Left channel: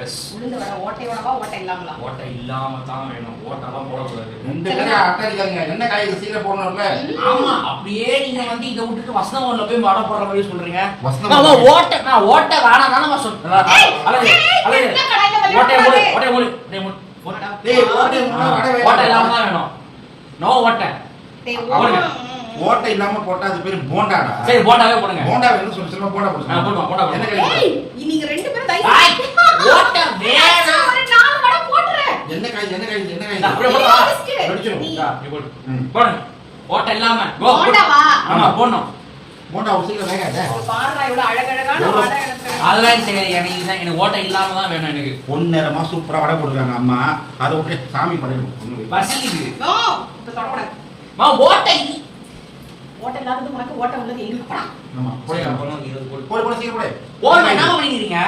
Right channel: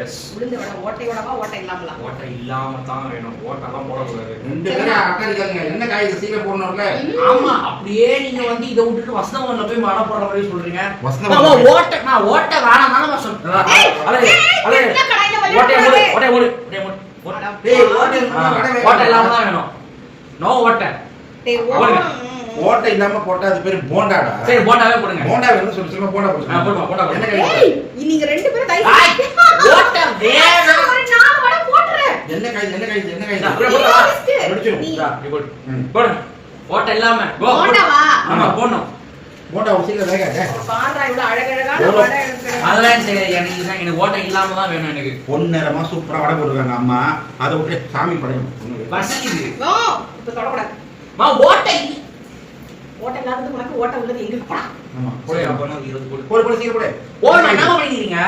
S உளுந்து வடை ஓட்டையோடவா ஓட்டை இல்லாமலா? ஓட்டை இல்லாம தான் வேணும், ஓட்டெல்லாம் போடக்கூடாது. ரெண்டு பேரும் அக்கறிக்காங்க. என்ன காய் இது சீக்கிரம் போடணும்ல? ஆமா, அப்படியே நீங்க வந்து இதை விட்டுட்டு வசந்தவன்ல போய் வடை போடுற மாதிரி சொல்றீங்க. வசந்தவன் ஓட்டை வேணாம் தானே சொல்றேன். ஓட்டை இல்லாம தான் வேணும். நோ ஓட்டை. ஓட்டை இல்லாம போட்டா அது பேரு போண்டாடா. சரி, போண்டாவே போடுங்க. போண்டா வேணும் சொல்லி சொல்ல போண்டா போடுங்க. போடுங்க. என்ன காய்? நீங்க ரெண்டு பேரும் தயவு ஓட்டை வேணாம். ஒரு 4 வடை போடுறேன். என்ன காய்? போடுங்க. ஓட்டை இல்லாம போண்டாவா? ஆமா, போடணும். போண்டா ஒரு சீக்கிரம் வேகாதே. பாருடா இவ்வளவு அழகழகான வடை இருக்கு. அதெல்லாம் சரி, எனக்கு ஓட்டை இல்லாம தான் வேணும். எனக்கு பொன்னேரமா சூப்பரா வடை போடுறாங்க அம்மா. அதை விட்டு சாமி படைக்கணும். வசதி நோ, இப்ப தொடக்கூடாது. ஓட்டை ஓட்டை இல்லாதது உனக்கு ஓட்டை உள்ளது எங்க போடா? ஆமா, போடு. அப்போ 20 போடு சீக்கிரம் போடு. போடு. என்ன பண்ணிக்கிறீங்க?